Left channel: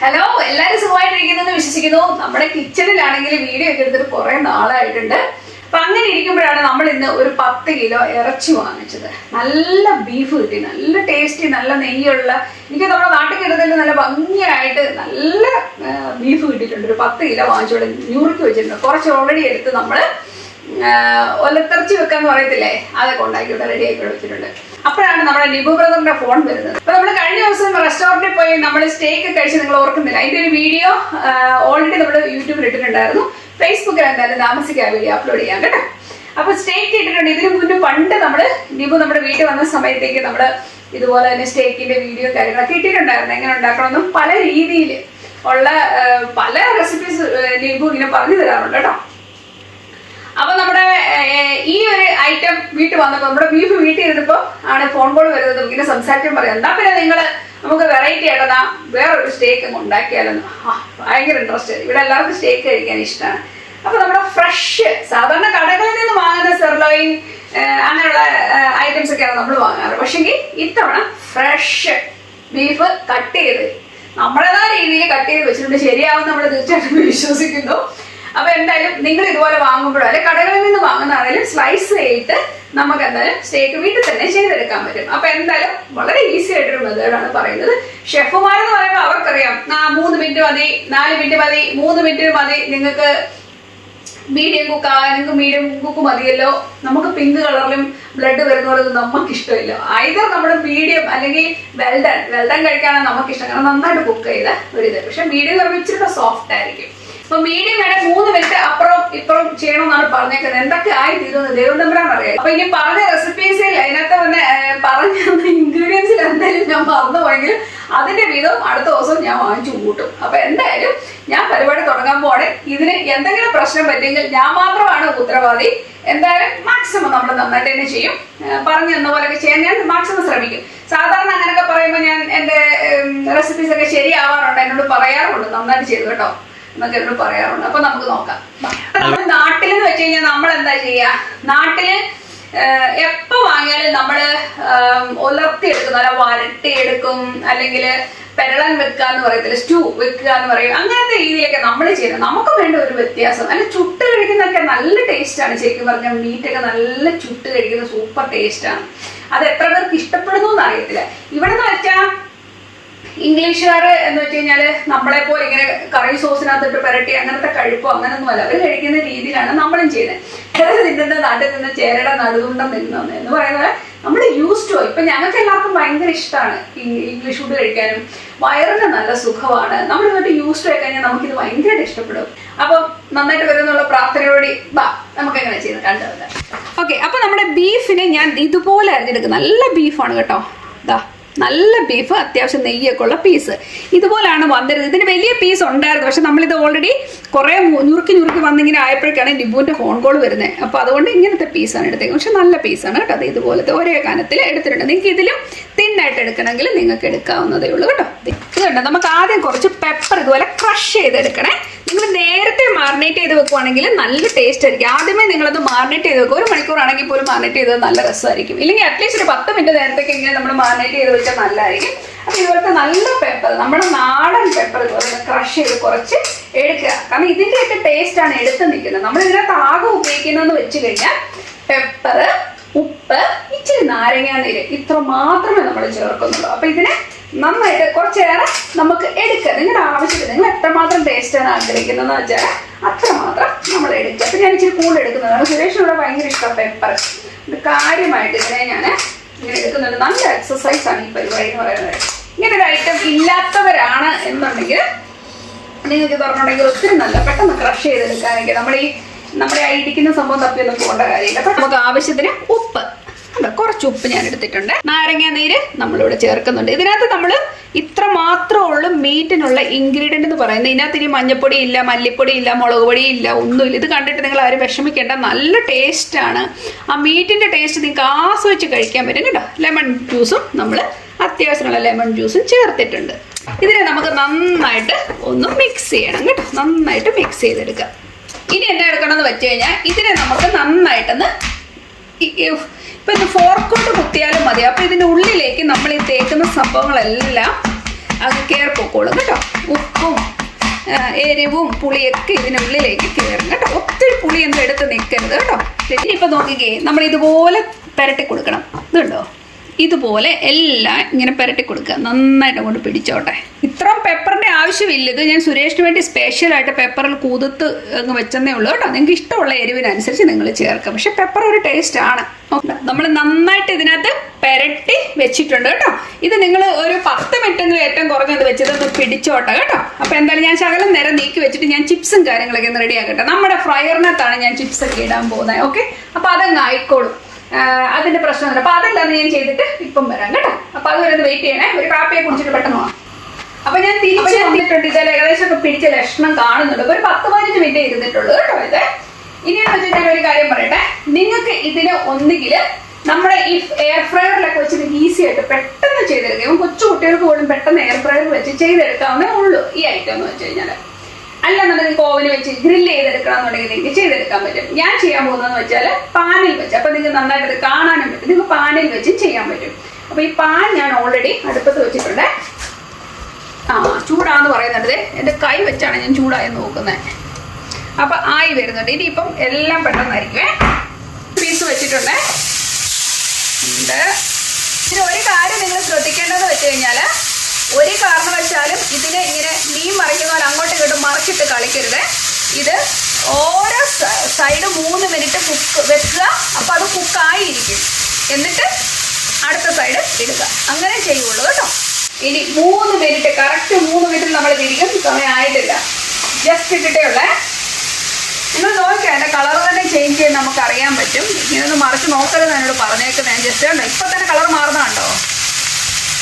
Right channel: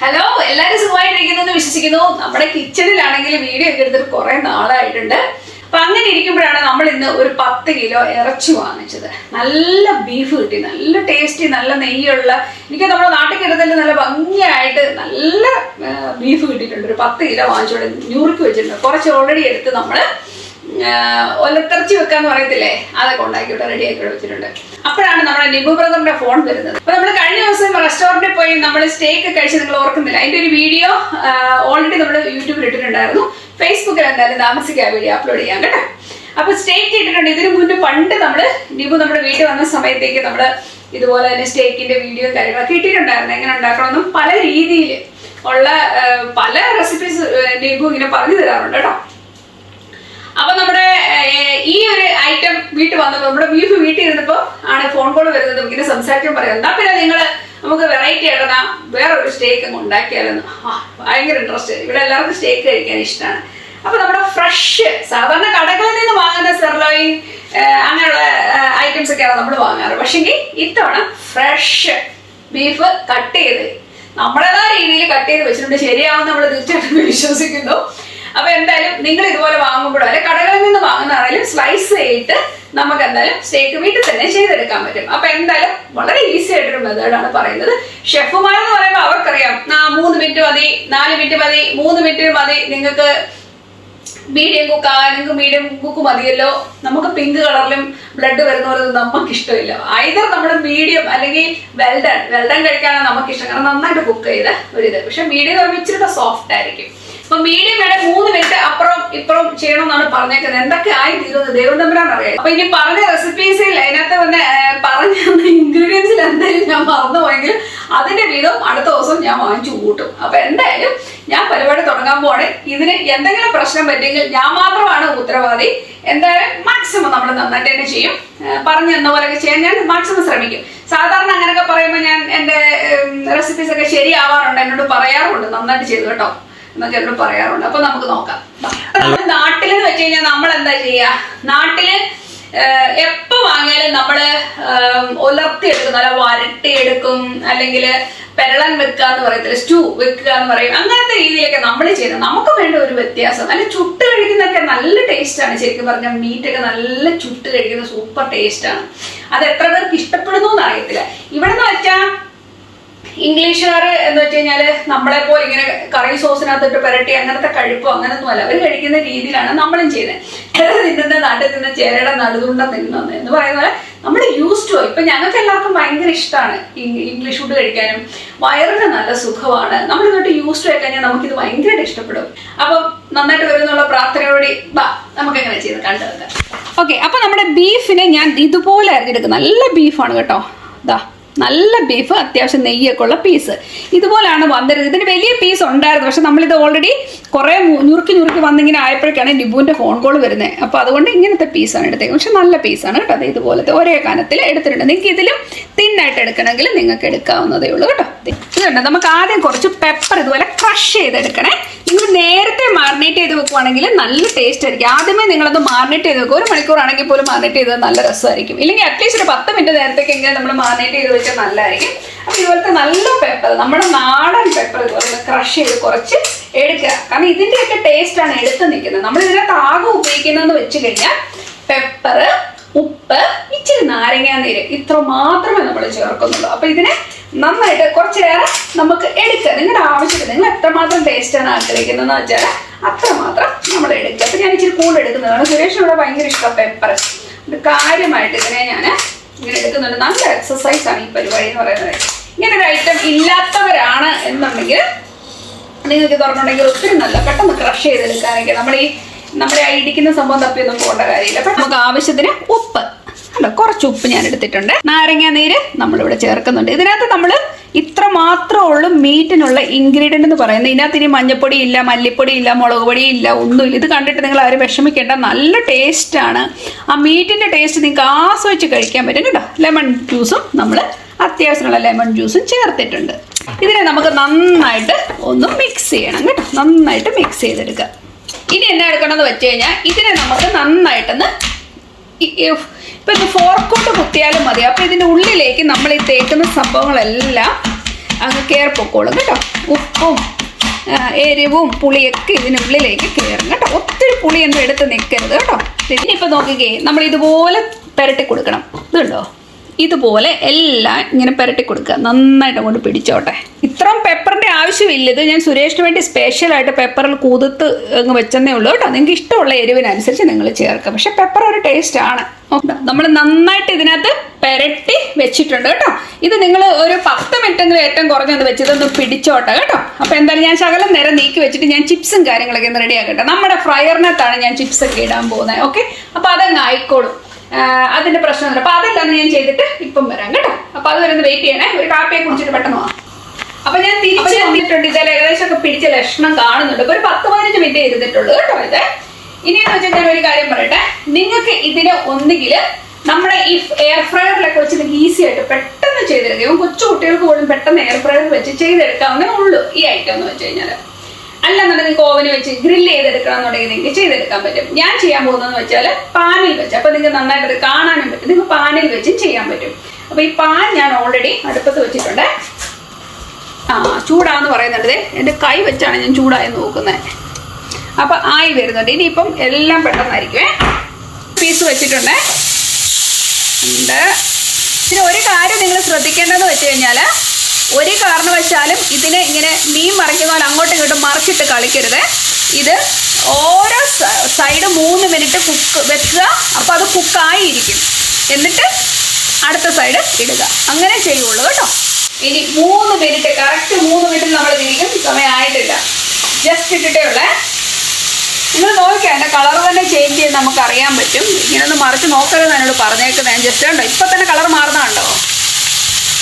Hello, എല്ലാവരും സുഖമായിട്ടിരിക്കുന്നു വിശ്വസിക്കുന്നു. നമ്മുടെ കിച്ചണിലാണെങ്കിൽ വീഡിയോ ഒക്കെ എടുത്തിട്ട് കുറെ നാളായിട്ടുണ്ട്. അപ്പൊ അങ്ങനെ ഇരിക്കുമ്പോഴാണ് നമ്മൾ ഇന്ന് ഒരു 10 കിലോ ഇറച്ചി വാങ്ങിച്ചത്. നല്ല ബീഫ് കിട്ടി, നല്ല ടേസ്റ്റി, നല്ല നെയ്യുള്ള, എനിക്ക് നമ്മുടെ നാട്ടിൽ കിട്ടുന്നതിൽ നല്ല ഭംഗിയായിട്ട് നല്ല ബീഫ് കിട്ടിയിട്ടുണ്ട്. ഒരു 10 കിലോ വാങ്ങിച്ചോടെ ഞൂറിക്ക് വെച്ചിട്ടുണ്ട്. കുറച്ച് ഓൾറെഡി എടുത്ത് നമ്മള് ഒലത്തിറച്ചി വെക്കാന്ന് പറയത്തില്ലേ, അതൊക്കെ ഉണ്ടാക്കിയിട്ട് റെഡി ആക്കി വെച്ചിട്ടുണ്ട്. അപ്പോഴാണ് നമ്മുടെ നിബു ബ്രദറിന്റെ ഫോൺ വരുന്നത്. അപ്പൊ നമ്മൾ കഴിഞ്ഞ ദിവസം റെസ്റ്റോറന്റിൽ പോയി നമ്മൾ സ്റ്റേക്ക് കഴിച്ച് നിങ്ങൾ ഓർക്കുന്നില്ല, അതിന്റെ ഒരു വീഡിയോ ഓൾറെഡി നമ്മൾ യൂട്യൂബിൽ ഇട്ടിട്ടുണ്ടായിരുന്നു. ഫേസ്ബുക്കിൽ എന്തായാലും താമസിക്കാൻ വീഡിയോ അപ്ലോഡ് ചെയ്യാം കേട്ടോ. അപ്പൊ സ്റ്റേക്ക് ഇട്ടിട്ടുണ്ട്. ഇതിനു മുന്നേ പണ്ട് നിബു നമ്മുടെ വീട്ടിൽ വന്ന സമയത്തേക്ക് നമ്മള് ഇതുപോലെ തന്നെ സ്റ്റേക്കിന്റെ വീഡിയോ കാര്യങ്ങളൊക്കെ ഇട്ടിട്ടുണ്ടായിരുന്നു. എങ്ങനെ ഉണ്ടാക്കണമെന്നും പല രീതിയിൽ ഉള്ള പല റെസിപ്പീസ് നിബു ഇങ്ങനെ പറഞ്ഞു തരാറുണ്ട് കേട്ടോ. അപ്പൊ നമ്മുടെ ഈ ഒരു ഐറ്റം വീട്ടിൽ വന്നപ്പോ നമ്മുടെ ബീഫ് വീട്ടിൽ ഇരുന്നപ്പോ ആണ് ഫോൺ കോൾ വരുന്നത്. ഇങ്ങനെ സംസാരിക്കാൻ പറയാം, എന്നാ പിന്നെ നമുക്ക് വെറൈറ്റി ആയിട്ടാ വേറൊരു സ്റ്റേക്ക് അങ്ങ് ഉണ്ടാക്കിയാലെന്ന്. ഭയങ്കര ഇൻട്രസ്റ്റ്. ഇവിടെ എല്ലാവർക്കും സ്റ്റേക്ക് കഴിക്കാൻ ഇഷ്ടമാണ്. അപ്പൊ നമ്മുടെ ഫ്രഷ് സാധാരണ കടകളിൽ നിന്ന് വാങ്ങുന്ന സെർലോയിൻ അങ്ങനെയുള്ള ഐറ്റംസ് ഒക്കെയാണ് നമ്മൾ വാങ്ങാറ്. പക്ഷെങ്കിൽ ഇത്തവണ ഫ്രഷ് ബീഫ് കട്ട് ചെയ്ത് നമ്മുടേതായ രീതിയിൽ കട്ട് ചെയ്ത് വെച്ചിട്ടുണ്ട്. ശരിയാവും നമ്മൾ തീർച്ചയായിട്ടും വിശ്വസിക്കുന്നു. അപ്പൊ എന്തായാലും നിങ്ങൾ ഇതുപോലെ വാങ്ങുമ്പോഴോ അല്ലെ കടകളിൽ നിന്ന് വാങ്ങുന്നതാണെങ്കിലും സ്ലൈസ് ചെയ്തിട്ട് നമുക്ക് എന്തായാലും സ്റ്റേക്ക് വീട്ടിൽ തന്നെ ചെയ്തെടുക്കാൻ പറ്റും. അപ്പൊ എന്തായാലും വളരെ ഈസി ആയിട്ടൊരു മെത്തേഡാണ് പറയുന്നത്. ഷെഫുമാരെന്ന് പറയുമ്പോൾ അവർക്കറിയാം 3 മിനിറ്റ് മതി, 4 മിനിറ്റ് മതി, 3 മിനിറ്റ് മതി, നിങ്ങൾക്ക് മീഡിയം കുക്ക് ആവാൻ നിങ്ങൾക്ക് മീഡിയം കുക്ക് മതിയല്ലോ. നമുക്ക് പിങ്ക് കളറിലും ബ്ലഡ് വരുന്ന പോലെ നമുക്ക് ഇഷ്ടമില്ല. ഐതർ നമ്മൾ മീഡിയം അല്ലെങ്കിൽ വെൽഡൺ കഴിക്കാനാണ് നമുക്ക് ഇഷ്ടം, കാരണം നന്നായിട്ട് കുക്ക് ചെയ്ത ഒരിത്. പക്ഷെ മീഡിയം പറയുമ്പോൾ ഇച്ചിരി സോഫ്റ്റ് ആയിരിക്കും. അപ്പൊ മീഡിയം വേണേ 3 മിനിറ്റ് അപ്പുറം ഇപ്പുറം ചെയ്യണമെന്നാണ് പറഞ്ഞേക്കുന്നത്. എന്തൊക്കെ ആയി തീരുന്നത് ദൈവം തമ്പുരാൻ അറിയാം. അപ്പൊ ഇനി പറഞ്ഞ റെസിപ്പീസിൽ അതിനകത്ത് തന്നെ പറഞ്ഞ ഇൻഗ്രീഡിയൻസിൽ എന്തായാലും ഞാൻ മറന്നു പോയെങ്കിൽ അതിന്റെ വീതം അടുത്ത ദിവസം ഞാൻ വാങ്ങിച്ചു കൂട്ടും. അപ്പൊ എന്തായാലും ഞാൻ പരിപാടി തുടങ്ങാൻ പോവാണ്. ഇതിന് എന്തെങ്കിലും പ്രശ്നം പറ്റുമെങ്കിൽ ഞാൻ മാത്രമാണ് ഉത്തരവാദി. എന്തായാലും മാക്സിമം നമ്മൾ നന്നായിട്ട് തന്നെ ചെയ്യും. പറഞ്ഞു തന്ന പോലെയൊക്കെ ചെയ്യാൻ ഞാൻ മാക്സിമം ശ്രമിക്കും. സാധാരണ അങ്ങനെയൊക്കെ പറയുമ്പോൾ ഞാൻ എന്റെ റെസിപ്പീസ് ഒക്കെ ശരിയാവാറുണ്ട്, എന്നോട് പറയാറുണ്ട് നന്നായിട്ട് ചെയ്തു കേട്ടോ എന്നൊക്കെ എന്നോട് പറയാറുണ്ട്. അപ്പൊ നമുക്ക് നോക്കാം. നമ്മൾ നാട്ടിലെന്ന് വെച്ച് കഴിഞ്ഞാൽ നമ്മൾ എന്താ ചെയ്യാ, നാട്ടില് എപ്പോ വാങ്ങിയാലും നമ്മള് ഉലർത്തി എടുക്കും, അല്ല വരട്ടി എടുക്കും, അല്ലെങ്കിൽ പെരളൻ വെക്കുക എന്ന് പറയത്തില്ല, സ്റ്റൂ വെക്കുക എന്ന് പറയും. അങ്ങനത്തെ രീതിയിലൊക്കെ നമ്മൾ ചെയ്യുന്നത്. നമുക്ക് വേണ്ട ഒരു വ്യത്യാസം. അല്ല ചുട്ട് കഴിക്കുന്നതൊക്കെ നല്ല ടേസ്റ്റ് ആണ്. ശരിക്കും പറഞ്ഞാൽ മീറ്റൊക്കെ നല്ല ചുട്ട് കഴിക്കുന്ന സൂപ്പർ ടേസ്റ്റ് ആണ്. അത് എത്ര പേർക്ക് ഇഷ്ടപ്പെടുന്നു എന്ന് അറിയത്തില്ല. ഇവിടെ നിന്ന് വെച്ചാൽ ഇംഗ്ലീഷുകാർ എന്ന് വെച്ച് കഴിഞ്ഞാല് നമ്മളെ പോലെ ഇങ്ങനെ കറി സോസിനകത്തിട്ട് പുരട്ടി അങ്ങനത്തെ കഴിപ്പോ അങ്ങനൊന്നും അല്ല. അവർ കഴിക്കുന്ന രീതിയിലാണ് നമ്മളും ചെയ്യുന്നത്. തിന്നുന്ന നാട്ടിൽ നിന്ന് ചേരയുടെ നടുതുണ്ടം തിന്നുന്നത് എന്ന് പറയുന്ന പോലെ നമ്മൾ യൂസ് ടു. ഇപ്പൊ ഞങ്ങൾക്ക് എല്ലാവർക്കും ഭയങ്കര ഇഷ്ടമാണ് ഇംഗ്ലീഷ് ഫുഡ് കഴിക്കാനും. വയറിന് നല്ല സുഖമാണ്. നമ്മൾ ഇങ്ങോട്ട് യൂസ് ടു ആയി കഴിഞ്ഞാൽ നമുക്കിത് ഭയങ്കരമായിട്ട് ഇഷ്ടപ്പെടും. അപ്പം നന്നായിട്ട് വരുന്നുള്ള പ്രാർത്ഥനയോടെ നമുക്ക് എങ്ങനെ ചെയ്ത് കണ്ടുവെക്കാം. ഓക്കെ, അപ്പൊ നമ്മുടെ ബീഫിനെ ഞാൻ ഇതുപോലെ അരിഞ്ഞെടുക്കും. നല്ല ബീഫാണ് കേട്ടോ. നല്ല ബീഫ്, അത്യാവശ്യം നെയ്യൊക്കെ ഉള്ള പീസ് ഇതുപോലാണ് വന്നിരുന്നത്. ഇതിന് വലിയ പീസ് ഉണ്ടായിരുന്നു, പക്ഷെ നമ്മളിത് ഓൾറെഡി കുറെ ഞുറുക്കി വന്നിങ്ങനെ ആയപ്പോഴേക്കാണ് നിബുവിന്റെ ഫോൺ കോൾ വരുന്നത്. അപ്പൊ അതുകൊണ്ട് ഇങ്ങനത്തെ പീസാണ് എടുത്തേക്കുന്നത്. പക്ഷെ നല്ല പീസാണ് കേട്ടോ. അത് ഇതുപോലത്തെ ഒരേ കനത്തിൽ എടുത്തിട്ടുണ്ട്. നിങ്ങൾക്ക് ഇതിലും തിന്നായിട്ട് എടുക്കണമെങ്കിൽ നിങ്ങൾക്ക് എടുക്കാവുന്നതേ ഉള്ളൂ കേട്ടോ. ഇതുണ്ട്. നമുക്ക് ആദ്യം കുറച്ച് പെപ്പർ ഇതുപോലെ ക്രഷ് ചെയ്തെടുക്കണേ. നിങ്ങൾ നേരത്തെ മാറിനേറ്റ് ചെയ്ത് വെക്കുവാണെങ്കിൽ നല്ല ടേസ്റ്റ് ആയിരിക്കും. ആദ്യമേ നിങ്ങളത് മാറിനേറ്റ് ചെയ്ത് വെക്കും. 1 മണിക്കൂറാണെങ്കിൽ പോലും മാറിനേറ്റ് ചെയ്തത് നല്ല രസമായിരിക്കും. ഇല്ലെങ്കിൽ അറ്റ്ലീസ്റ്റ് ഒരു 10 മിനിറ്റ് നേരത്തേക്കെങ്കിലും നമ്മൾ മാറിനേറ്റ് ചെയ്ത് വെച്ചാൽ നല്ലതായിരിക്കും. അപ്പൊ ഇതുപോലത്തെ നല്ല പെപ്പർ, നമ്മുടെ നാടൻ പെപ്പർ ഇതുപോലെ ക്രഷ് ചെയ്ത് കുറച്ച് എടുക്കുക. കാരണം ഇതിന്റെയൊക്കെ ടേസ്റ്റ് ആണ് എടുത്ത് നിൽക്കുന്നത്. നമ്മൾ ഇതിനകത്ത് ആകെ ഉപയോഗിക്കുന്നതെന്ന് വെച്ച് കഴിഞ്ഞാൽ പെപ്പർ, ഉപ്പ്, ഇച്ചിരി നാരങ്ങാനീര്, ഇത്ര മാത്രമേ നമ്മൾ ചേർക്കുന്നുള്ളൂ. അപ്പൊ ഇതിനെ നന്നായിട്ട് കുറച്ചേറെ നമുക്ക് എടുക്കുക. നിങ്ങളുടെ ആവശ്യത്തിന് നിങ്ങൾ എത്രമാത്രം ടേസ്റ്റാണ് ആഗ്രഹിക്കുന്നതെന്ന് വെച്ചാൽ അത്രമാത്രം നമ്മൾ എടുക്കുക. അപ്പൊ ഞാൻ ഇച്ചിരി കൂടുതൽ എടുക്കുന്നതാണ്. സുരേഷിനോട് ഭയങ്കര ഇഷ്ടം പെപ്പർ. ഇത് കാര്യമായിട്ട് ഇതിനെ ഞാൻ ഇങ്ങനെ എടുക്കുന്നുണ്ട്. നല്ല എക്സസൈസ് ആണ് ഈ പരിപാടി എന്ന് പറയുന്നത്. ഇങ്ങനെ ഒരു ഐറ്റം ഇല്ലാത്തവരാണ് എന്നുണ്ടെങ്കിൽ നിങ്ങൾക്ക് തുറന്നുണ്ടെങ്കിൽ ഒത്തിരി നല്ല പെട്ടെന്ന് ക്രഷ് ചെയ്തെടുക്കാനൊക്കെ നമ്മുടെ ഇടിക്കുന്ന സംഭവം തപ്പിയൊന്നും പോകേണ്ട കാര്യമില്ല. അപ്പൊ നമുക്ക് ആവശ്യത്തിന് ഉപ്പ്, കുറച്ച് ഉപ്പ് ഞാൻ എടുത്തിട്ടുണ്ട്. നാരങ്ങ നീര് നമ്മളിവിടെ ചേർക്കുന്നുണ്ട്. ഇതിനകത്ത് നമ്മൾ ഇത്ര മാത്രമേ ഉള്ളൂ മീറ്റിനുള്ള ഇൻഗ്രീഡിയന്റ് എന്ന് പറയുന്നത്. ഇതിനകത്ത് ഇനി മഞ്ഞപ്പൊടി ഇല്ല, മല്ലിപ്പൊടി ഇല്ല, മുളക് പൊടി ഇല്ല, ഒന്നുമില്ല. ഇത് കണ്ടിട്ട് നിങ്ങൾ ആരും വിഷമിക്കേണ്ട. നല്ല ടേസ്റ്റ് ആണ്. ആ മീറ്റിന്റെ ടേസ്റ്റ് നിങ്ങൾക്ക് ആസ്വദിച്ച് കഴിക്കാൻ പറ്റും കേട്ടോ. ലെമൺ ജ്യൂസും നമ്മൾ അത്യാവശ്യമുള്ള ലെമൺ ജ്യൂസും ചേർത്തിട്ടുണ്ട്. ഇതിനെ നമുക്ക് നന്നായിട്ട് ഒന്ന് മിക്സ് ചെയ്യണം കേട്ടോ. നന്നായിട്ട് മിക്സ് ചെയ്തെടുക്കുക. ഇനി എന്താ എടുക്കണമെന്ന് വെച്ച് കഴിഞ്ഞാൽ ഇതിനെ നമുക്ക് നന്നായിട്ടൊന്ന് ഇപ്പൊ ഇത് ഫോർക്ക് കൊണ്ട് കുത്തിയാലും മതി. അപ്പൊ ഇതിന്റെ ഉള്ളിലേക്ക് നമ്മൾ ഈ തേക്കുന്ന സംഭവങ്ങളെല്ലാം അത് കയറിപ്പോക്കോളും കേട്ടോ. ഉപ്പും എരിവും പുളിയൊക്കെ ഇതിനുള്ളിലേക്ക് കയറും കേട്ടോ. ഒത്തിരി പുളിയൊന്നും എടുത്ത് നിൽക്കരുത് കേട്ടോ. ഇനിയിപ്പോൾ നോക്കിക്കേ, നമ്മൾ ഇതുപോലെ പുരട്ടി കൊടുക്കണം. ഇതുണ്ടോ, ഇതുപോലെ എല്ലാം ഇങ്ങനെ പുരട്ടി കൊടുക്കുക. നന്നായിട്ട് അങ്ങോട്ട് പിടിച്ചോട്ടെ. ഇത്രയും പെപ്പറിൻ്റെ ആവശ്യമില്ല. ഇത് ഞാൻ സുരേഷിന് വേണ്ടി സ്പെഷ്യലായിട്ട് പെപ്പറിൽ കുതിർത്ത് അങ്ങ് വെച്ചെന്നേ ഉള്ളൂ കേട്ടോ. നിങ്ങൾക്ക് ഇഷ്ടമുള്ള എരിവിനനുസരിച്ച് നിങ്ങൾ ചേർക്കുക. പക്ഷെ പെപ്പർ ഒരു ടേസ്റ്റാണ്. നമ്മൾ നന്നായിട്ട് ഇതിനകത്ത് പുരട്ടി വെച്ചിട്ടുണ്ട് കേട്ടോ. ഇത് നിങ്ങൾ ഒരു 10 മിനിറ്റെങ്കിലും ഏറ്റവും കുറഞ്ഞത് വെച്ചിട്ടൊന്ന് പിടിച്ചോട്ടെ കേട്ടോ. അപ്പോൾ എന്തായാലും ഞാൻ ശകലം നേരം നീക്കി വെച്ചിട്ട് ഞാൻ ചിപ്സും കാര്യങ്ങളൊക്കെ ഒന്ന് റെഡി ആക്കട്ടെ. നമ്മുടെ ഫ്രയറിനകത്താണ് ഞാൻ ചിപ്സൊക്കെ ഇടാൻ പോകുന്നത്. ഓക്കെ, അപ്പോൾ അതങ്ങ് ആയിക്കോളും. അതിന്റെ പ്രശ്നമൊന്നുമില്ല. അപ്പൊ അതെല്ലാം ഞാൻ ചെയ്തിട്ട് ഇപ്പം വരാം കേട്ടോ. അപ്പൊ അത് വരുന്നത് വെയിറ്റ് ചെയ്യണേ. ഒരു കാപ്പിയെ കുടിച്ചിട്ട് പെട്ടെന്ന് പോകാം. അപ്പൊ ഞാൻ തിരിച്ചു വന്നിട്ടുണ്ട്. ഇതെല്ലാം ഏകദേശം ഒക്കെ പിടിച്ച ലക്ഷണം കാണുന്നുണ്ട്. ഇപ്പൊ ഒരു 10-15 മിനിറ്റ് ഇരുന്നിട്ടുള്ളൂ കേട്ടോ. ഇത് ഇനിയെന്ന് വെച്ചാൽ ഞാൻ ഒരു കാര്യം പറയട്ടെ. നിങ്ങൾക്ക് ഇതിന് ഒന്നുകിൽ നമ്മുടെ ഈ എയർ ഫ്രയറിലൊക്കെ വെച്ച് നിങ്ങൾക്ക് ഈസി ആയിട്ട് പെട്ടെന്ന് ചെയ്തെടുക്കാം. കൊച്ചു കുട്ടികൾക്ക് പോലും പെട്ടെന്ന് എയർ ഫ്രയറിൽ വെച്ച് ചെയ്തെടുക്കാവുന്നേ ഉള്ളൂ ഈ ഐറ്റം എന്ന് വെച്ച് കഴിഞ്ഞാൽ. അല്ലെന്നുണ്ടെങ്കിൽ നിങ്ങൾക്ക് ഓവന് വെച്ച് ഗ്രില്ല് ചെയ്തെടുക്കണമെന്നുണ്ടെങ്കിൽ നിങ്ങൾക്ക് ചെയ്തെടുക്കാൻ പറ്റും. ഞാൻ ചെയ്യാൻ പോകുന്നതെന്ന് വെച്ചാൽ പാനിൽ വെച്ച്. അപ്പൊ നിങ്ങൾക്ക് നന്നായിട്ട് അത് കാണാനും പറ്റും. നിങ്ങൾക്ക് പാനിൽ വെച്ചും ചെയ്യാൻ പറ്റും. അപ്പൊ ഈ പാൻ ഞാൻ ഓൾറെഡി അടുപ്പത്ത് വെച്ചിട്ടുണ്ട്. ചൂടാന്ന് പറയുന്നുണ്ട്. എൻ്റെ കൈ വെച്ചാണ് ഞാൻ ചൂടായെന്ന് നോക്കുന്നത്. അപ്പൊ ആയി വരുന്നുണ്ട്. ഇനിയിപ്പം എല്ലാം പെട്ടെന്നായിരിക്കുമേ. പീസ് വെച്ചിട്ടുണ്ട്. പിന്നെ ഒരു കാര്യം നിങ്ങൾ ശ്രദ്ധിക്കേണ്ടതെന്ന് വെച്ച് കഴിഞ്ഞാൽ, ഒരു കാരണവശാലും ഇതിനെ ഇങ്ങനെ മീൻ മറിക്കുന്ന പോലെ അങ്ങോട്ടും ഇങ്ങോട്ടും മറിച്ചിട്ട് കളിക്കരുത്. ഇത് ഓരോ സൈഡ് 3 മിനിറ്റ് കുക്ക് വെക്കുക. അപ്പോൾ അത് കുക്കായിരിക്കും. എന്നിട്ട് അടുത്ത സൈഡ് ഇടുക. അങ്ങനെ ചെയ്യുള്ളൂ കേട്ടോ. ഇനി 3 മിനിറ്റ്, കറക്റ്റ് 3 മിനിറ്റ് നമ്മൾ തിരിക്കും. സമയമായിട്ടില്ല, ജസ്റ്റ് ഇട്ടിട്ടേ ഉള്ളേ. നിങ്ങൾ നോക്കിയാൽ എൻ്റെ കളർ തന്നെ ചേഞ്ച് ചെയ്ത് നമുക്ക് അറിയാൻ പറ്റും. ഇങ്ങനൊന്ന് മറിച്ച് നോക്കരുത് എന്നോട് പറഞ്ഞേക്കുന്നത്. ഞാൻ ജസ്റ്റ് ഉണ്ടോ ഇപ്പം തന്നെ കളർ മാറുന്നുണ്ടോ.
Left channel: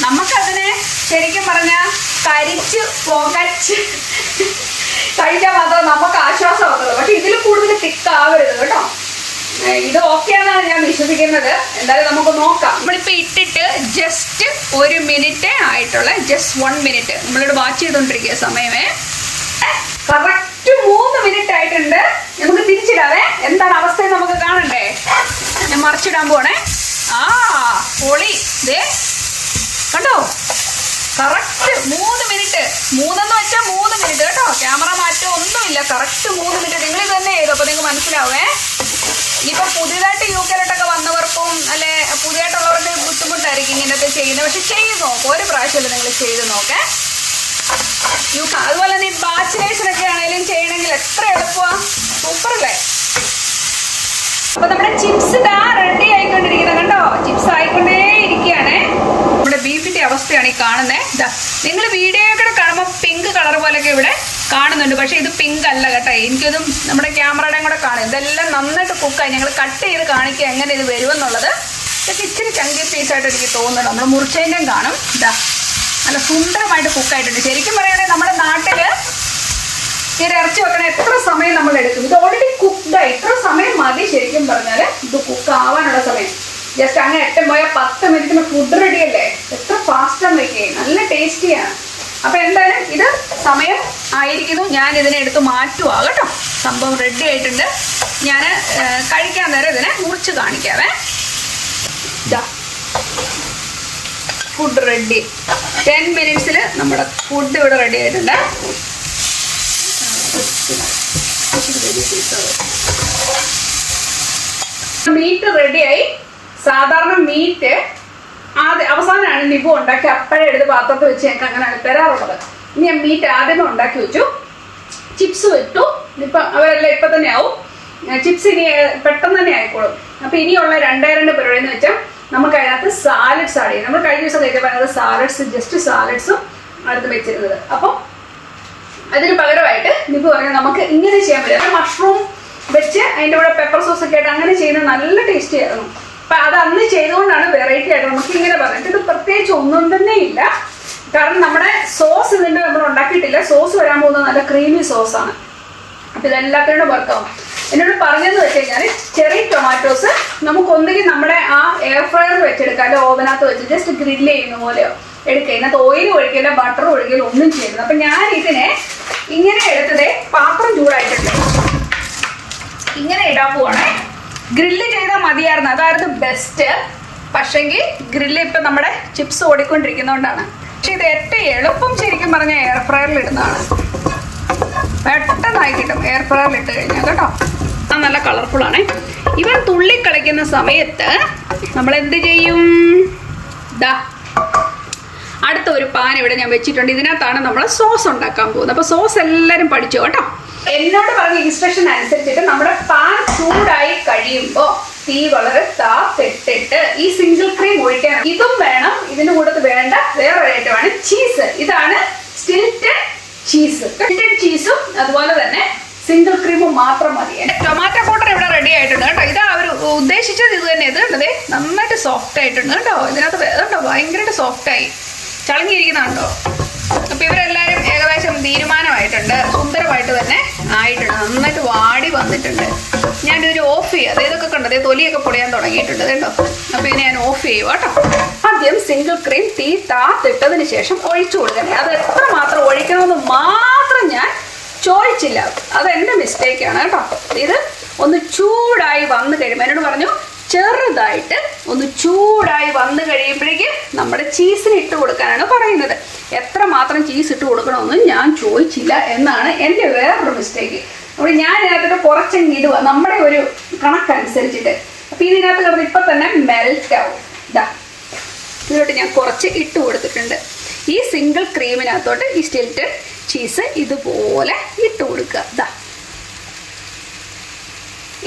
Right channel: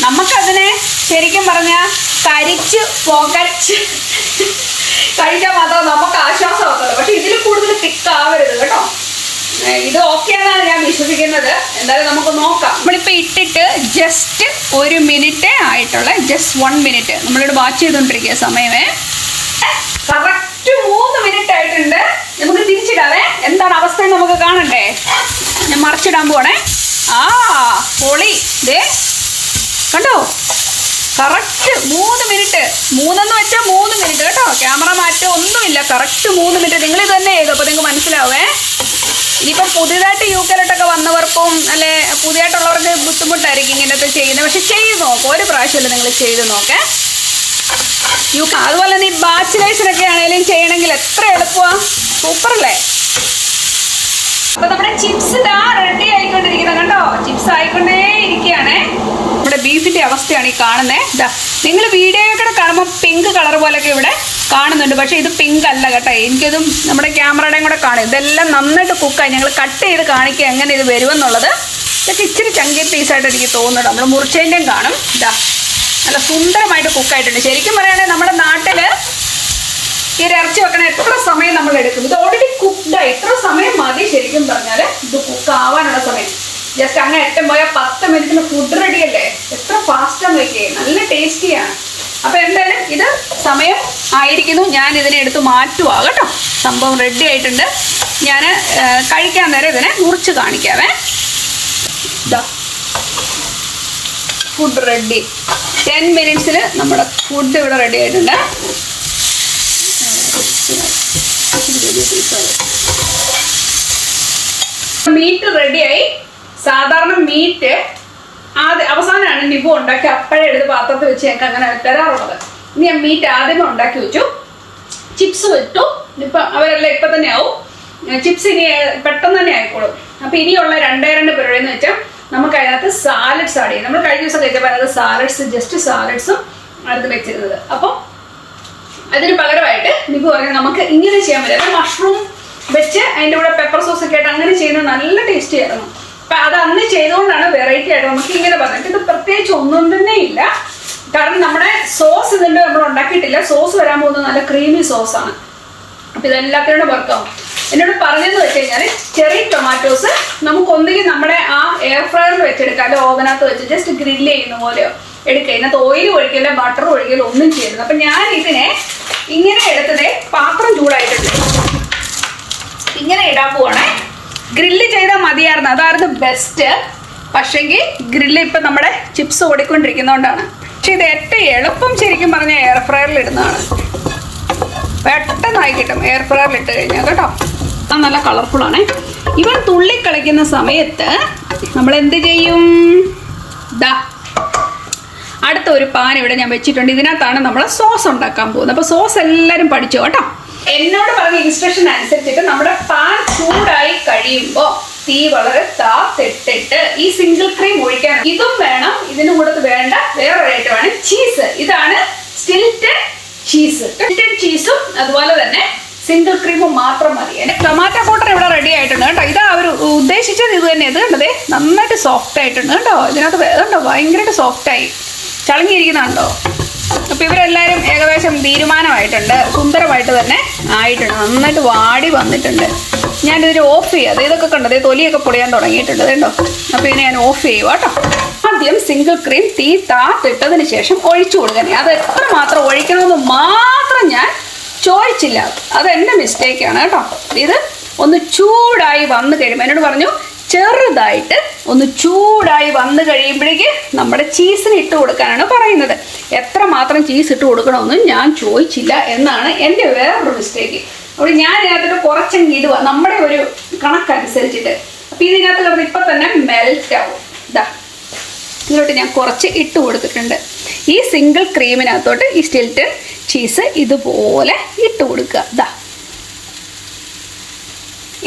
നമുക്കതിനെ ശരിക്കും പറഞ്ഞാൽ കരിച്ച് പുകച്ച് കഴിക്കാൻ മാത്രം നമുക്ക് ആശ്വാസമാകത്തുള്ളൂ. പക്ഷെ ഇതിൽ കൂടുതൽ തിക്കാവരുത് കേട്ടോ. ഇത് ഓക്കെയാണെന്നാണ് ഞാൻ വിശ്വസിക്കുന്നത്. എന്തായാലും നമുക്ക് നോക്കാം. നമ്മളിപ്പോൾ ഇട്ടിട്ട് ജസ്റ്റ് 1 മിനിറ്റ് ആയിട്ടുള്ള, ജസ്റ്റ് 1 മിനിറ്റ് നമ്മളിവിടെ വാച്ച് ചെയ്തുകൊണ്ടിരിക്കുക സമയമേ. കറക്റ്റ് 3 മിനിറ്റ് ആയിട്ടുണ്ട്. നമുക്ക് തിരിച്ചിടാവേ. എന്താണ് അവസ്ഥ നമുക്ക് കാണണ്ടേ. ഞാൻ മറിച്ചിടാൻ പോണേ. പൊളി. ദേ കണ്ടോ, കറക്റ്റ് 3 മിനിറ്റ്. 3 വെച്ചാൽ 3 മിനിറ്റ് കേട്ടോ. ക്യാമറ മാറ്റം ഒന്നുമില്ല. Correct 3 minute. നിങ്ങൾ ഇത് തന്നെ ചെയ്തു. അപ്പോൾ നിങ്ങൾക്ക് മനസ്സിലാവേ. ഇനിയിപ്പം പുതിയതായിട്ട് യൂക്കലോട്ടൊക്കെ വന്നവർക്കും അല്ലെ പുതിയതായിട്ടുള്ളവർക്ക് ബുദ്ധിമുട്ടായിരിക്കും ഇങ്ങനത്തെ ചെയ്യുന്നത്. പക്ഷെ ചെയ്ത് നോക്കാം. ഒരു പ്രാവശ്യമല്ലേ നിങ്ങൾ ചെയ്ത് നോക്കേ. അതുപോലെ തന്നെ ഈ ബാച്ചിലേഴ്സിനൊക്കെ ആണെങ്കിലും ചെയ്യണമെങ്കിൽ എത്ര എളുപ്പമാണ്. സൂപ്പറല്ലേ. അപ്പൊ നമ്മുടെ ചിപ്സ് ഇതാ റെഡി ആയിക്കൊണ്ടിരിക്കുന്നത് കണ്ടോ. ചിപ്സ് ആയിക്കൊണ്ടേ ഇരിക്കുകയാണ്. നമ്മുടെ ബീഫിന്റെ അവസ്ഥയാണ് ഈ കാണുന്നത്. നിങ്ങൾ വീഡിയോയൊക്കെ കാണുമ്പോൾ പിങ്ക് കളർ പോലെയൊക്കെ ഇവിടെ കാണുന്നുണ്ട്. പക്ഷെ ഇത് പിങ്ക് അല്ല കേട്ടോ. എനിക്കതും നമ്മുടെ ക്യാമറയുടെയും കൂടെ കാണും. ഇതെല്ലാം നന്നായിട്ട് കുക്കായി. ഞങ്ങൾ കട്ട് ചെയ്ത് കാണിക്കുക എങ്ങനെ ഇത് വരുമെന്നുള്ളത്. ഇതൊക്കെ ഇച്ചിരി ചങ്കി പീസായിട്ട് എനിക്ക് തോന്നുന്നുണ്ട്. നമ്മൾ മുറിച്ചതിൻ്റെയും കാണും. നല്ല സുന്ദരമായിട്ട് കുക്കായിട്ടുണ്ട്. ശരിക്കും പറയുകയാണെങ്കിൽ നമ്മുടെ നാട്ടില് ഈ ഇറച്ചി വെക്കണ എത്ര സമയം നമ്മൾ എടുക്കും. ഇത് ഓൾറെഡി കുക്ക്ഡായി. ഇത്ര സമയം മതി ശരിക്കും പറഞ്ഞാൽ ഇത് കുക്ക് ആവാനുള്ള സമയം. ജസ്റ്റ് അങ്ങ് ഏറ്റവും പോയാൽ 10 മിനിറ്റിന് ഫുഡ് റെഡി അല്ലേ. എത്ര ഫാസ്റ്റാന്ന് വെക്കേ. നല്ല ടേസ്റ്റിയാണ്. അപ്പൊ എന്തായാലും ഇത് സമയം ആയിരിക്കുന്നു. ഞാൻ ഇതിനെ എടുത്ത് മാറ്റുക കേട്ടോ. സംഭവം റെഡി ആയിട്ടുണ്ട്. ഞാൻ കഴിക്കാൻ നേരം ഇതിനെ മുറിച്ച് കാണിക്കാവേ. Food ready. 10 മിനിറ്റ്സിൽ നമ്മുടെ ഫുഡ് ഇവിടെ റെഡി ആയിട്ടുണ്ട്. മീറ്റ് റെഡിയായി. സാധാരണ മീറ്റ് അവസാനമാണ് നിബു ഉണ്ടാക്കി അപ്പോഴേ എടുത്ത് പാത്രത്തിൽ വെച്ച് ഞങ്ങൾക്ക് അങ്ങനെ തരാറുള്ളത്. ഇനി ഞാൻ മീറ്റ് ആദ്യമേ ഉണ്ടാക്കി വെച്ചു. ചിപ്സ് വെച്ചു. ഇപ്പം അവരെല്ലാം ഇപ്പം തന്നെ ആവും. ചിപ്സ് ഇനി പെട്ടെന്ന് തന്നെ ആയിക്കോളും. അപ്പം ഇനിയുള്ള 2 പരിപാടി എന്ന് വെച്ചാൽ നമുക്ക് അതിനകത്ത് സാലഡ്സ് ആഡ് ചെയ്യും. നമ്മൾ കഴിഞ്ഞ ദിവസം കഴിച്ചപ്പോൾ അതിനകത്ത് സാലഡ്സ്, ജസ്റ്റ് സാലഡ്സും അടുത്ത് വെച്ചിരുന്നത്. അപ്പം അതിന് പകരമായിട്ട് നിബു പറഞ്ഞാൽ നമുക്ക് ഇങ്ങനെ ചെയ്യാൻ പറ്റും. അത് മഷ്റൂം വെച്ച് അതിൻ്റെ കൂടെ പെപ്പർ സോസ് ഒക്കെ ആയിട്ട് അങ്ങനെ ചെയ്യുന്നത് നല്ല ടേസ്റ്റി ആയിരുന്നു. അപ്പം അത് അന്ന് ചെയ്തുകൊണ്ടാണ് വെറൈറ്റി ആയിട്ട് നമുക്ക് ഇങ്ങനെ പറഞ്ഞിട്ട്. ഇത് പ്രത്യേകിച്ച് ഒന്നും തന്നെ ഇല്ല. കാരണം നമ്മുടെ സോസ് ഇതിൻ്റെ നമ്മൾ ഉണ്ടാക്കിയിട്ടില്ല. സോസ് വരാൻ പോകുന്നത് നല്ല ക്രീമി സോസാണ്. അപ്പം ഇതെല്ലാത്തിനോടും വർക്കാവും. എന്നോട് പറഞ്ഞതെന്ന് വെച്ച് കഴിഞ്ഞാൽ ചെറിയ ടൊമാറ്റോസ് നമുക്ക് ഒന്നുകിൽ നമ്മുടെ ആ എയർ ഫ്രയറിൽ വെച്ചെടുക്കാം, അല്ലെ ഓവനകത്ത് വെച്ച് ജസ്റ്റ് ഗ്രില്ല് ചെയ്യുന്ന പോലെയോ എടുക്കുക. ഇതിനകത്ത് ഓയിൽ ഒഴിക്കലോ ബട്ടർ ഒഴിക്കലോ ഒന്നും ചെയ്യുന്നത്. അപ്പം ഞാൻ ഇതിനെ ഇങ്ങനെ എടുത്തത് പാത്രം ചൂടായിട്ടുണ്ട്. ഇങ്ങനെ ഇടാൻ പോവാണേ. ഗ്രില്ല് ചെയ്താൽ മതിയായിരുന്നു. അതായിരുന്നു ബെസ്റ്റ്. പക്ഷെങ്കിൽ ഗ്രില്ല് ഇപ്പം നമ്മുടെ ചിപ്സ് ഓടിക്കൊണ്ടിരിക്കുന്നതുകൊണ്ടാണ് പക്ഷെ ഇത് ഏറ്റവും എളുപ്പം ശരിക്കും പറഞ്ഞാൽ എയർ ഫ്രയറിൽ ഇടുന്നതാണ്. പെട്ടെന്നായി കിട്ടും എയർ ഫ്രയറിൽ ഇട്ട് കഴിഞ്ഞാൽ കേട്ടോ. അത് നല്ല കളർഫുള്ളാണ്. ഇവൻ തുള്ളി കളിക്കുന്ന സമയത്ത് നമ്മൾ എന്ത് ചെയ്യും? അടുത്തൊരു പാൻ ഇവിടെ ഞാൻ വെച്ചിട്ടുണ്ട്. ഇതിനകത്താണ് നമ്മൾ സോസ് ഉണ്ടാക്കാൻ പോകുന്നത്. അപ്പോൾ സോസ് എല്ലാവരും പഠിച്ചു കേട്ടോ. എന്നോട് പറഞ്ഞ ഇൻസ്ട്രക്ഷൻ അനുസരിച്ചിട്ട് നമ്മുടെ പാൻ ചൂടായി കഴിയുമ്പോൾ തീ വളരെ താത്തിട്ടിട്ട് ഈ സിംഗിൾ ക്രീം ഒഴിക്കാൻ. ഇതും വേണം. ഇതിന് കൂടെ വേണ്ട വേറൊരു ഐറ്റമാണ് ചീസ്. ഇതാണ് സ്റ്റിൽറ്റഡ് ചീസ്. സ്റ്റിൽറ്റഡ് ചീസും അതുപോലെ തന്നെ സിംഗിൾ ക്രീമും മാത്രം മതി. ടൊമാറ്റോ പൗഡർ ഇവിടെ റെഡി ആയിട്ടുണ്ട് കേട്ടോ. ഇതാ അവർ ഉദ്ദേശിച്ചത് ഇത് തന്നെ. ഇത് കണ്ടതേ നന്നായിട്ട് സോഫ്റ്റ് ആയിട്ടുണ്ട് കേട്ടോ. ഇതിനകത്ത് കണ്ടോ ഭയങ്കരമായിട്ട് സോഫ്റ്റായി ചളങ്ങിയിരിക്കുന്നുണ്ടോ. അപ്പോൾ ഇവരെല്ലാവരും ഏകദേശം തീരുമാനമായിട്ടുണ്ട്. സുന്ദരമായിട്ട് തന്നെ ആയിട്ടുണ്ട്. നന്നായിട്ട് വാടി വന്നിട്ടുണ്ട്. ഞാനിതിൽ ഓഫ് ചെയ്യാം. ഇതൊക്കെ കണ്ടത് തൊലിയൊക്കെ പൊടിയാൻ തുടങ്ങിയിട്ടുണ്ട് കേട്ടോ. അപ്പോൾ ഇതിനെ ഞാൻ ഓഫ് ചെയ്യുക കേട്ടോ. ആദ്യം സിംഗിൾ ക്രീം തീ താത്തിട്ടതിന് ശേഷം ഒഴിച്ചു കൊടുക്കണം. അത് എത്ര മാത്രം ഒഴിക്കണമെന്ന് മാത്രം ഞാൻ ചോദിച്ചില്ല. അതെൻ്റെ മിസ്റ്റേക്കാണ് കേട്ടോ. ഇത് ഒന്ന് ചൂടായി വന്നു കഴിയുമ്പോൾ എന്നോട് പറഞ്ഞു ചെറുതായിട്ട് ഒന്ന് ചൂടായി വന്നു കഴിയുമ്പോഴേക്ക് നമ്മുടെ ചീസിന് ഇട്ട് കൊടുക്കാനാണ് പറയുന്നത്. എത്ര മാത്രം ചീസ് ഇട്ട് കൊടുക്കണമെന്നും ഞാൻ ചോദിച്ചില്ല എന്നാണ് എൻ്റെ വേറൊരു മിസ്റ്റേക്ക്. അപ്പോൾ ഞാൻ ഇതിനകത്തിട്ട് കുറച്ചെങ്കിൽ ഇടുക നമ്മുടെ ഒരു കണക്കനുസരിച്ചിട്ട്. അപ്പോൾ ഇതിനകത്ത് കിടന്ന് ഇപ്പം തന്നെ മെൽറ്റ് ആവും. ഇതാ ഇതിലോട്ട് ഞാൻ കുറച്ച് ഇട്ട് കൊടുത്തിട്ടുണ്ട്. ഈ സിംഗിൾ ക്രീമിനകത്തോട്ട് ഈ സ്റ്റിൽറ്റഡ് ചീസ് ഇതുപോലെ ഇട്ട് കൊടുക്കുക. ഇതാ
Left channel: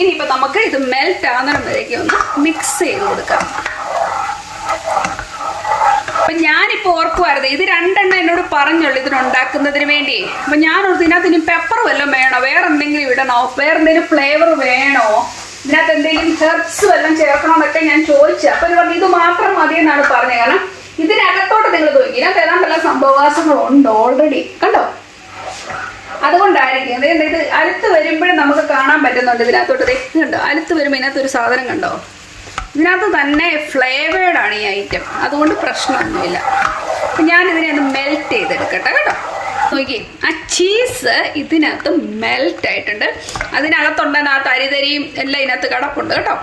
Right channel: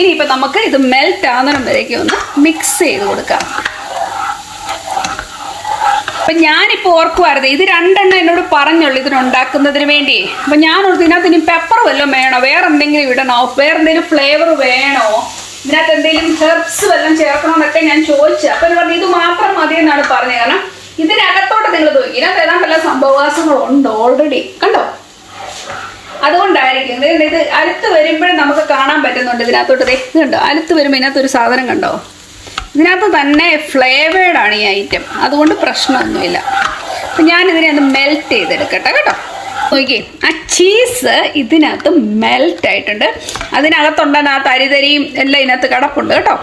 ഇനിയിപ്പോൾ നമുക്ക് ഇത് മെൽറ്റ് ആകുന്ന വരേക്ക് ഒന്ന് മിക്സ് ചെയ്ത് കൊടുക്കാം. അപ്പം ഞാനിപ്പോൾ ഓർക്കുമായിരുന്നു ഇത് രണ്ടെണ്ണം എന്നോട് പറഞ്ഞുള്ളൂ ഇതിനുണ്ടാക്കുന്നതിന് വേണ്ടി. അപ്പം ഞാൻ ഇതിനകത്ത് ഇനി പെപ്പർ വല്ലതും വേണോ, വേറെ എന്തെങ്കിലും ഇടണോ, വേറെ എന്തെങ്കിലും ഫ്ലേവർ വേണോ, ഇതിനകത്ത് എന്തെങ്കിലും ഹെർബ്സ് വല്ലതും ചേർക്കണമെന്നൊക്കെ ഞാൻ ചോദിച്ചു. അപ്പം ഇത് പറഞ്ഞു ഇത് മാത്രം മതി എന്നാണ് പറഞ്ഞത്. കാരണം ഇതിനകത്തോട്ട് നിങ്ങൾ നോക്കി ഇതിനകത്ത് ഏതാണ്ട് എല്ലാ സംഭവവാസങ്ങളുണ്ട് ഓൾറെഡി കണ്ടോ. അതുകൊണ്ടായിരിക്കും ഇത് അടുത്ത് വരുമ്പോഴും നമുക്ക് കാണാൻ പറ്റുന്നുണ്ട്. ഇതിനകത്തോട്ട് കണ്ടോ അടുത്ത് വരുമ്പോൾ ഇതിനകത്തൊരു സാധനം കണ്ടോ. ഇതിനകത്ത് തന്നെ ഫ്ലേവേർഡാണ് ഈ ഐറ്റം. അതുകൊണ്ട് പ്രശ്നമൊന്നുമില്ല. അപ്പം ഞാനിതിനെ ഒന്ന് മെൽറ്റ് ചെയ്തെടുക്കട്ടെ കേട്ടോ. നോക്കി ആ ചീസ് ഇതിനകത്ത് മെൽറ്റ് ആയിട്ടുണ്ട്. അതിനകത്തുണ്ടെന്ന് ആ തരിതരിയും എല്ലാം ഇതിനകത്ത് കിടപ്പുണ്ട് കേട്ടോ.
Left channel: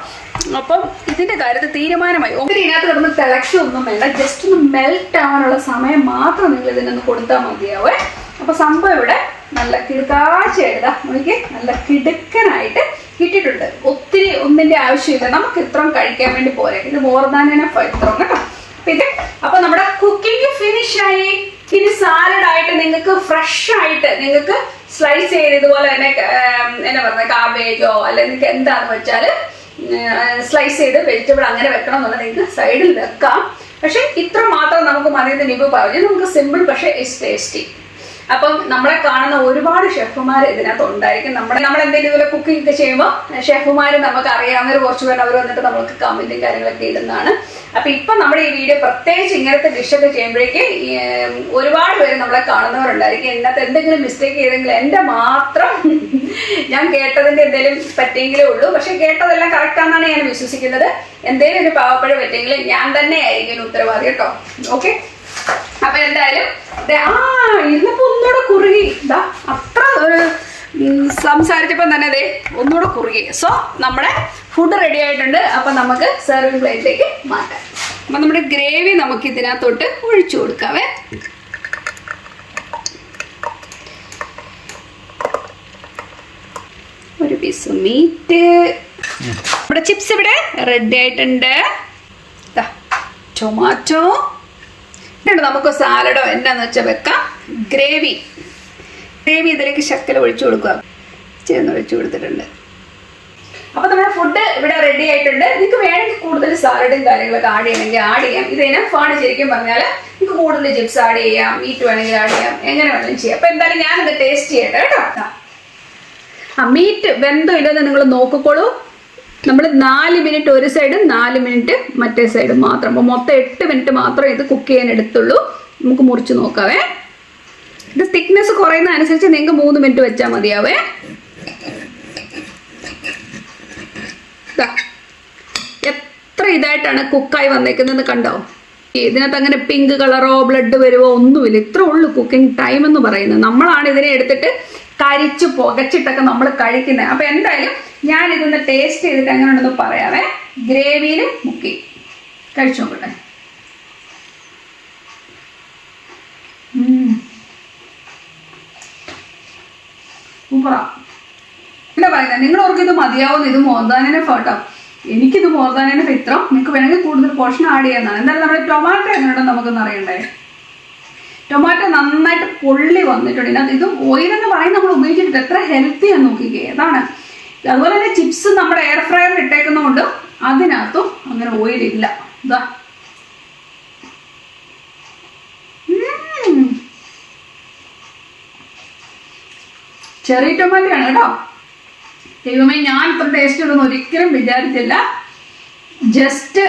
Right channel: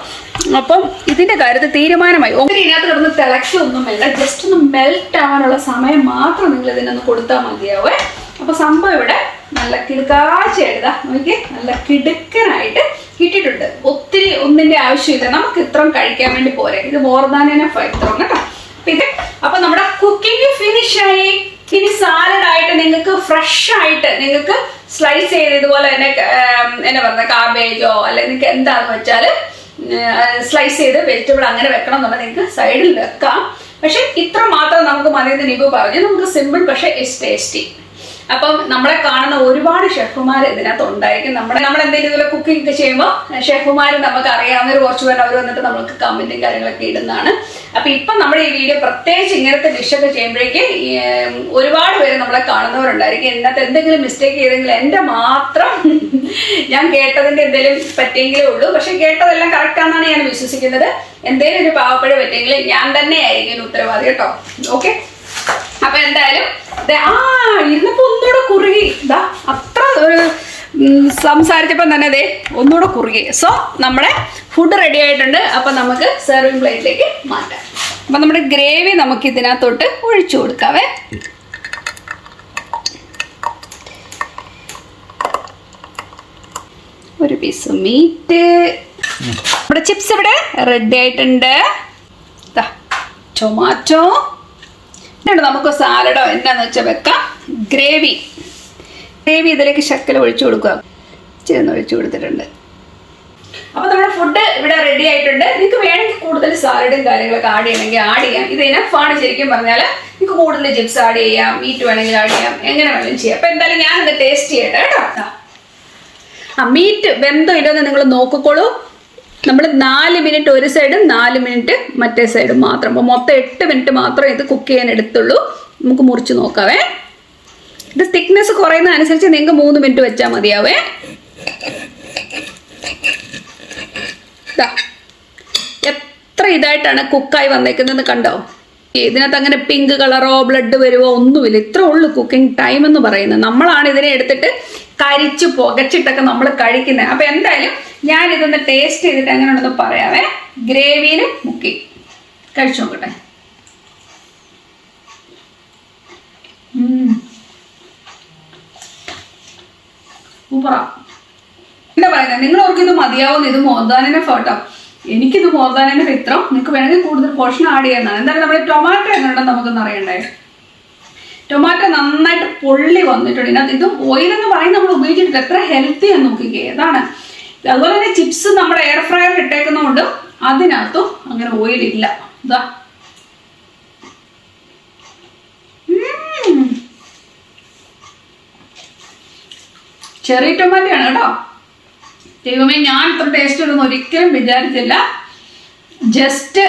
അപ്പം ഇതിൻ്റെ കാര്യത്തിൽ തീരുമാനമായി. ഇതിനകത്ത് കിടന്ന് തിളയ്ക്കൊന്നും വേണ്ട. ജസ്റ്റ് ഒന്ന് മെൽറ്റ് ആവാനുള്ള സമയം മാത്രം നിങ്ങൾ ഇതിനൊന്ന് കൊടുത്താൽ മതിയാവേ. അപ്പോൾ സംഭവം ഇവിടെ നല്ല കിടുക്കാഴ്ച എഴുതാ നോക്കി നല്ല കിടുക്കനായിട്ട് ഇട്ടിട്ടുണ്ട്. ഒത്തിരി ഒന്നിൻ്റെ ആവശ്യമില്ല. നമുക്ക് ഇത്രയും കഴിക്കാൻ വേണ്ടി പോരെ. ഇത് മോർ ദാൻ എനഫ് ഇത്രയും കേട്ടോ. അപ്പൊ നമ്മുടെ കുക്കിംഗ് ഫിനിഷ് ആയി. ഇനി സാലഡ് ആയിട്ട് നിങ്ങൾക്ക് ഫ്രഷ് ആയിട്ട് നിങ്ങൾക്ക് സ്ലൈസ് ചെയ്ത് ഇതുപോലെ തന്നെ എന്നാ പറയുന്നത് കാബേജോ അല്ലെ നിങ്ങൾക്ക് എന്താന്ന് വെച്ചാൽ സ്ലൈസ് ചെയ്ത് വെജിറ്റബിൾ അങ്ങനെ വെക്കണം എന്നുള്ളത് നിങ്ങൾക്ക് സൈഡിൽ വെക്കാം. പക്ഷെ ഇത്ര മാത്രം നമുക്ക് മതി. നിബു പറഞ്ഞു നമുക്ക് സിമ്പിൾ പക്ഷെ ഇറ്റ്സ് ടേസ്റ്റി. അപ്പം നമ്മളെ കാണുന്ന ഒരുപാട് ഷെഫുമാർ ഇതിനകത്ത് ഉണ്ടായിരിക്കും. നമ്മൾ എന്തെങ്കിലും ഇതുപോലെ കുക്കിംഗ് ഒക്കെ ചെയ്യുമ്പോൾ ഷെഫുമാർ നമുക്ക് അറിയാവുന്നവർ കുറച്ച് പേര് അവർ വന്നിട്ട് നമുക്ക് കമന്റും കാര്യങ്ങളൊക്കെ ഇടുന്നതാണ്. അപ്പൊ ഇപ്പൊ നമ്മുടെ ഈ വീഡിയോ പ്രത്യേകിച്ച് ഇങ്ങനത്തെ ഡിഷൊക്കെ ചെയ്യുമ്പോഴേക്ക് ഒരുപാട് പേര് നമ്മളെ കാണുന്നവരുണ്ടായിരിക്കും. ഇതിനകത്ത് എന്തെങ്കിലും മിസ്റ്റേക്ക് ചെയ്തെങ്കിൽ എൻ്റെ മാത്രം ഞാൻ കേട്ടതിന്റെ എന്തെങ്കിലും പറ്റിയെങ്കിലേ ഉള്ളൂ. പക്ഷെ കേട്ടതെല്ലാം കറക്റ്റാണെന്നാണ് ഞാൻ വിശ്വസിക്കുന്നത്. എന്തെങ്കിലും ഒരു പാവപ്പഴ പറ്റിയെങ്കിൽ ഞാൻ തന്നെ ആയിരിക്കും ഉത്തരവാദി കേട്ടോ. ഓക്കെ അപ്പൊ എന്തായാലും ഇരുന്നപ്പോ ഒന്നുകൂടെ കുറുകി. ഇതാ അത്ര ഒരു സംസാരിച്ചപ്പോൾ തന്നെ അതെ ഒന്നുകൂടെ കുറുകി. സോ നമ്മുടെ ഫുഡ് റെഡി ആയിട്ടുണ്ട്. അപ്പൊ നമുക്ക് സെർവിങ് പ്ലേറ്റിലേക്ക് മാറ്റാം. അപ്പൊ നമ്മുടെ ഗ്രേവി നമുക്ക് ഇതിനകത്തോട്ട് ഒഴിച്ചു കൊടുക്കാവേ. ഒരു പീസ് മീറ്റ്. നമ്മുടെ ചിപ്സ് ഇവിടെ റെഡി ആയിട്ടുണ്ട്. ടൊമാറ്റോ നമുക്ക് സാലഡോ എന്താന്ന് വെച്ചാൽ വെക്കാം. ഗ്രേവി ഇതിലേക്ക് ശക്കല ഒഴിച്ചു കൊടുക്കുക. ചേർന്ന് ഒഴിച്ചു കൊടുത്തിട്ടുണ്ട്. അപ്പൊ നമ്മുടെ ഫുഡ് ഇവിടെ റെഡി ആയിട്ടുണ്ട്. നിങ്ങൾക്ക് വേണമെങ്കിൽ കൂടുതൽ സാലഡും കാര്യങ്ങളൊക്കെ ആഡ് ചെയ്യണമെങ്കിൽ ആഡ് ചെയ്യാം. ഇത് ഇനഫാണ് ശരിക്കും പറഞ്ഞാൽ. നിങ്ങൾക്ക് കൂടുതൽ ചിപ്സ് ആഡ് ചെയ്യാം, മീറ്റ് വേണമെങ്കിൽ ആഡ് ചെയ്യാം, എങ്ങനെ വേണമെങ്കിലും ചെയ്യാം. അപ്പൊ എന്തായാലും ഞാൻ ഇത് ടേസ്റ്റ് ചെയ്യട്ടെ കേട്ടോ. മീറ്റ് വെന്തോ ഇല്ലെന്ന് നിങ്ങൾ നോക്കിക്കോളൂ. നമ്മൾ 4 മിനിറ്റ് ഒരു സൈഡും 4 മിനിറ്റ് മറ്റേ സൈഡും മാത്രം. അപ്പോൾ മൊത്തം 8 മിനിറ്റ് മാത്രം ഇത് കുക്ക് ചെയ്യാൻ എടുത്തുള്ളൂ. നമുക്ക് മുറിച്ച് നോക്കാവേ. ഇത് തിക്നെസ് കുറയുന്ന അനുസരിച്ച് നിങ്ങൾക്ക് 3 മിനിറ്റ് വെച്ചാൽ മതിയാവേ. എത്ര ഇതായിട്ടാണ് കുക്കായി വന്നേക്കുന്നത് കണ്ടോ. ഇതിനകത്ത് അങ്ങനെ പിങ്ക് കളറോ ബ്ലഡ് വരുമോ ഒന്നുമില്ല. ഇത്ര ഉള്ളു കുക്കിംഗ് ടൈം എന്ന് പറയുന്നത്. നമ്മളാണ് ഇതിനെ എടുത്തിട്ട് കരിച്ച് പുകച്ചിട്ടൊക്കെ നമ്മൾ കഴിക്കുന്നത്. അപ്പൊ എന്തായാലും ഞാൻ ഇതൊന്ന് ടേസ്റ്റ് ചെയ്തിട്ട് എങ്ങനെ ഉണ്ടെന്ന് പറയാവേ. ഗ്രേവിയിൽ മുക്കി കഴിച്ചു നോക്കട്ടെ. സൂപ്പറാ. എന്താ പറയുന്നത്, നിങ്ങൾ ഓർക്ക് ഇത് മതിയാവുന്ന, ഇത് മോർദാനിനെ ഫോട്ടോ, എനിക്കിത് മോർദാനിനെ ഇത്ര, നിങ്ങൾക്ക് വേണമെങ്കിൽ കൂടുതൽ പോർഷൻ ആഡ് ചെയ്യാവുന്നതാണ്. എന്തായാലും നമ്മുടെ ടൊമാറ്റോ എങ്ങനെയുണ്ടെന്ന് നമുക്കൊന്ന് അറിയണ്ടേ. ടൊമാറ്റോ നന്നായിട്ട് പൊള്ളി വന്നിട്ടുണ്ട്. ഇതിനകത്ത് ഇത് ഓയിലെന്ന് പറയുന്നത് നമ്മൾ ഉപയോഗിച്ചിട്ട് എത്ര ഹെൽത്തി എന്ന് നോക്കിക്കേ. അതാണ്. അതുപോലെ തന്നെ ചിപ്സ് നമ്മുടെ എയർ ഫ്രയറിൽ ഇട്ടേക്കുന്നതുകൊണ്ട് അതിനകത്തും അങ്ങനെ ഓയിലില്ല. ഇതാ ചെറിയ ടൊമാറ്റോ ആണ് കേട്ടോ. ദൈവമേ, ഞാൻ ഇത്ര ടേസ്റ്റ് ഉണ്ടെന്ന് ഒരിക്കലും വിചാരിച്ചില്ല. ജസ്റ്റ്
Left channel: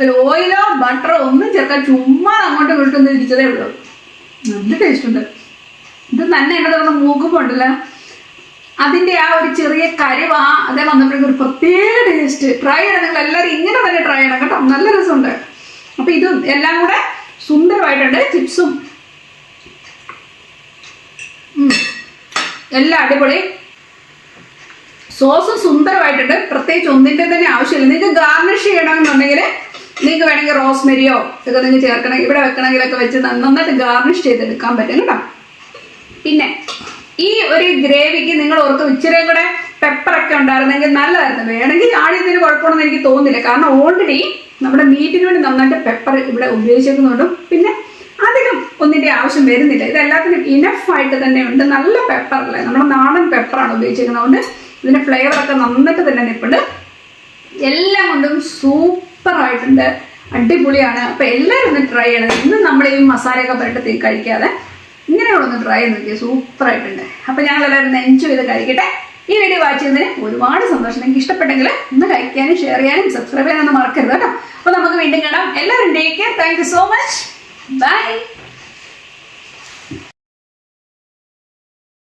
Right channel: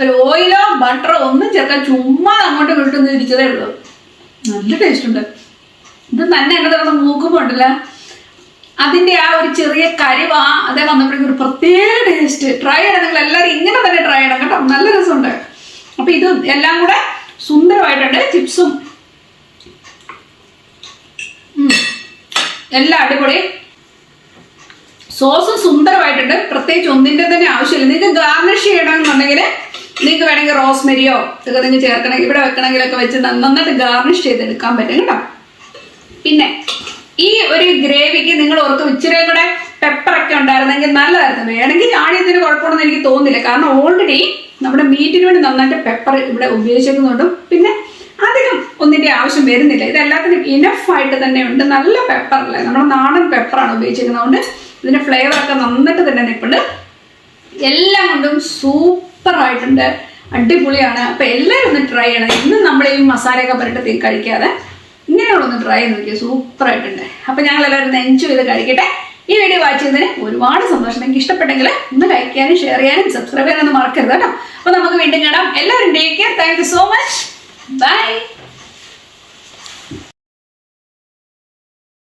ഒരു ഓയിലോ ബട്ടറോ ഒന്നും ചേർക്കാൻ ചുമ്മാ അങ്ങോട്ടും ഇങ്ങോട്ടും ഇരിച്ചതേ ഉള്ളൂ. നല്ല ടേസ്റ്റ് ഉണ്ട്. ഇത് തന്നെ എന്നെ മൂക്കുമ്പോൾ ഉണ്ടല്ലോ, അതിന്റെ ആ ഒരു ചെറിയ കരിവ അതേ വന്നപ്പോഴേക്കും ഒരു പ്രത്യേക ടേസ്റ്റ്. ട്രൈ ചെയ്യണം, നിങ്ങൾ എല്ലാവരും ഇങ്ങനെ തന്നെ ട്രൈ ചെയ്യണം കേട്ടോ, നല്ല രസമുണ്ട്. അപ്പൊ ഇത് എല്ലാം കൂടെ സുന്ദരമായിട്ടുണ്ട്. ചിപ്സും എല്ലാം അടിപൊളി. സോസും സുന്ദരമായിട്ടുണ്ട്. പ്രത്യേകിച്ച് ഒന്നിന്റെ തന്നെ ആവശ്യമില്ല. നിങ്ങൾക്ക് ഗാർണിഷ് ചെയ്യണമെന്നുണ്ടെങ്കിൽ നിങ്ങൾക്ക് വേണമെങ്കിൽ റോസ്മെരിയോ ഇതൊക്കെ നിങ്ങൾ ചേർക്കണം, ഇവിടെ വെക്കണമെങ്കിലൊക്കെ വെച്ച് നന്നായിട്ട് ഗാർണിഷ് ചെയ്തെടുക്കാൻ പറ്റും കേട്ടോ. പിന്നെ ഈ ഒരു ഗ്രേവിക്ക് നിങ്ങൾ ഓർക്കും ഇച്ചിരി കൂടെ പെപ്പറൊക്കെ ഉണ്ടായിരുന്നെങ്കിൽ നല്ലതായിരുന്നു. വേണമെങ്കിൽ ആടിയതിന് കുഴപ്പമാണെന്ന് എനിക്ക് തോന്നുന്നില്ല. കാരണം ഓൾറെഡി നമ്മുടെ മീറ്റിന് വേണ്ടി നന്നായിട്ട് പെപ്പർ ഇവിടെ ഉപയോഗിച്ചേക്കുന്നതുകൊണ്ടും പിന്നെ അധികം ഒന്നിന്റെ ആവശ്യം വരുന്നില്ല. ഇതെല്ലാത്തിനും ഇനഫ് ആയിട്ട് തന്നെ ഉണ്ട്. നല്ല പെപ്പറല്ലേ, നമ്മുടെ നാടൻ പെപ്പറാണ് ഉപയോഗിച്ചിരിക്കുന്നതുകൊണ്ട് ഇതിന്റെ ഫ്ലേവറൊക്കെ നന്നായിട്ട് തന്നെ നിൽപ്പുണ്ട്. എല്ലാം കൊണ്ടും സൂപ്പറായിട്ടുണ്ട്, അടിപൊളിയാണ്. അപ്പൊ എല്ലാവരും ഒന്ന് ട്രൈ ചെയ്യണം. ഇന്നും നമ്മൾ ഈ മസാലയൊക്കെ പുരട്ടി കഴിക്കാതെ ഇങ്ങനെയുള്ളൊന്ന് ട്രൈ ചെയ്ത് നോക്കിയാൽ സൂപ്പറായിട്ടുണ്ട്. അപ്പൊ ഞങ്ങൾ എല്ലാവരും എൻജോയ് ചെയ്ത് കഴിക്കട്ടെ. ഈ വീഡിയോ വാച്ച് ചെയ്യുന്നതിന് ഒരുപാട് സന്തോഷം. നിങ്ങൾക്ക് ഇഷ്ടപ്പെട്ടെങ്കിൽ ഒന്ന് ലൈക്ക് ചെയ്യാനും ഷെയർ ചെയ്യാനും സബ്സ്ക്രൈബ് ചെയ്യാനൊന്നും മറക്കരുത് കേട്ടോ. അപ്പൊ നമുക്ക് വീണ്ടും കാണാം. എല്ലാവരും take care. Thank you so much. By.